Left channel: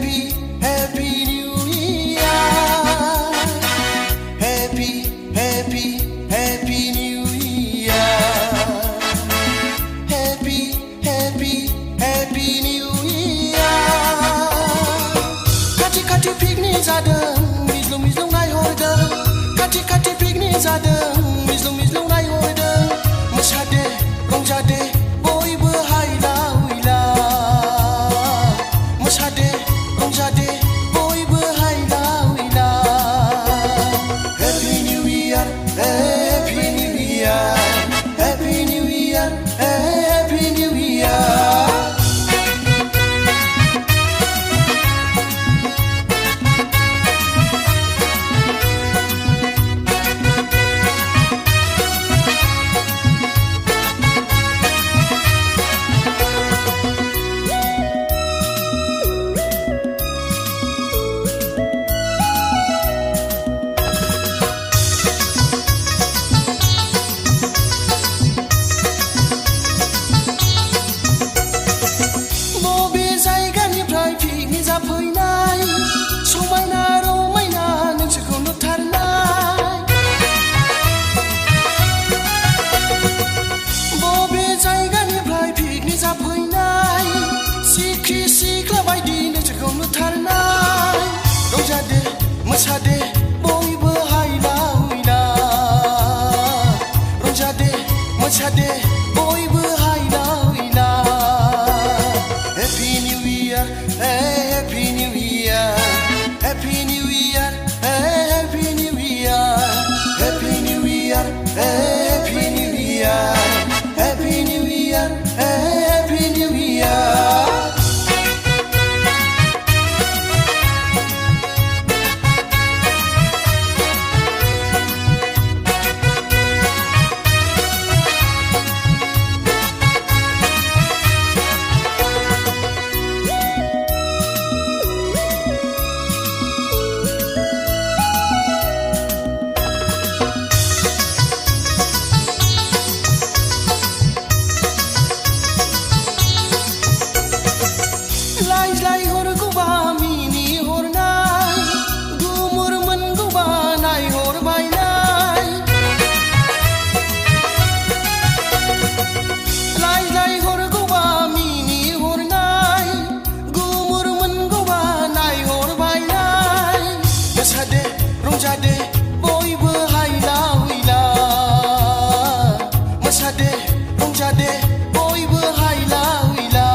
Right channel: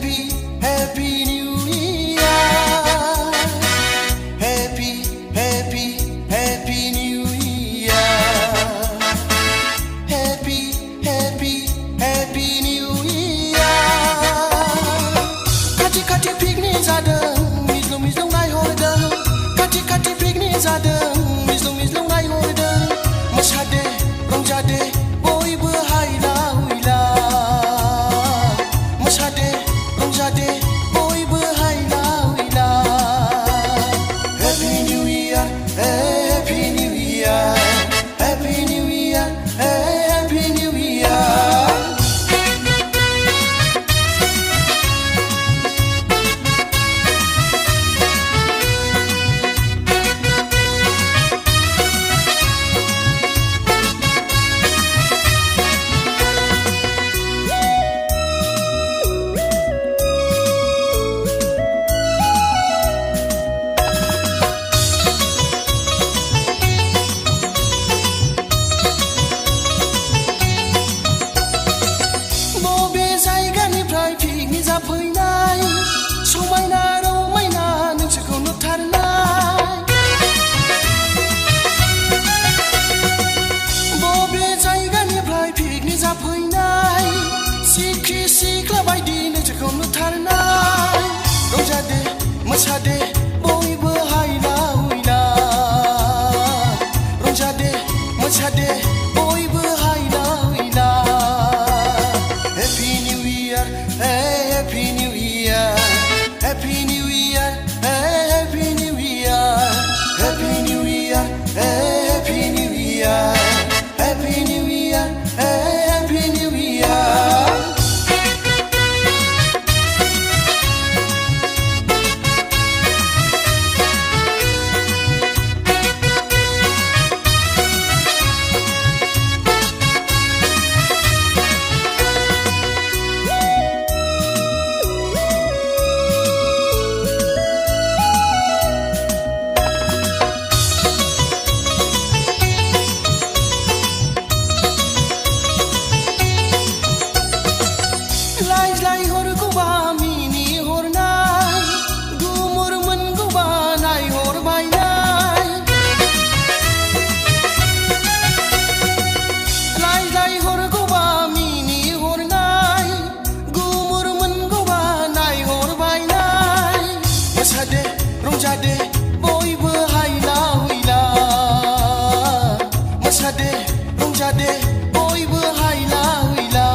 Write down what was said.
Happy New Year. Happy New Year. Happy New Year. Kati piknik जादों मिज्लुं नायहरदों Kati piknik जादों मिज्लुं नायहरदों मोसादे रंजादे बयबो हायला हुइला मोसादे रंजादे बयबो हायला हुइला Happy New Year Happy New Year Happy New Year Happy New Year बबे जायगानिफ्राय पिकनिक जाफैनाय समायना रमायना नोंसोरखौ नुथारनाय बबे जायगानिफ्राय पिकनिक जाफैनाय सिख्रि सिख्ला बायदि नोंसोरखौ नुथारनाय रंजादे मोसादे बयबो हायला हुइला रंजादे मोसादे बयबो हायला हुइला Happy New Year, Happy New Year, Happy New Year, Happy New Year, Happy New Year, Happy New Year, Happy New Year, Happy New Year. लाइ हरगौबा मिनि हरनाय गुमुर मोनगौबा नायहरबायनाय लाइ हरगौबा मिनि हरनाय गुमुर मोनगौबा नायहरबायनाय मोसादे रंजादे बयबो हायला हुइला मोसादे रंजादे बयबो हायला हुइला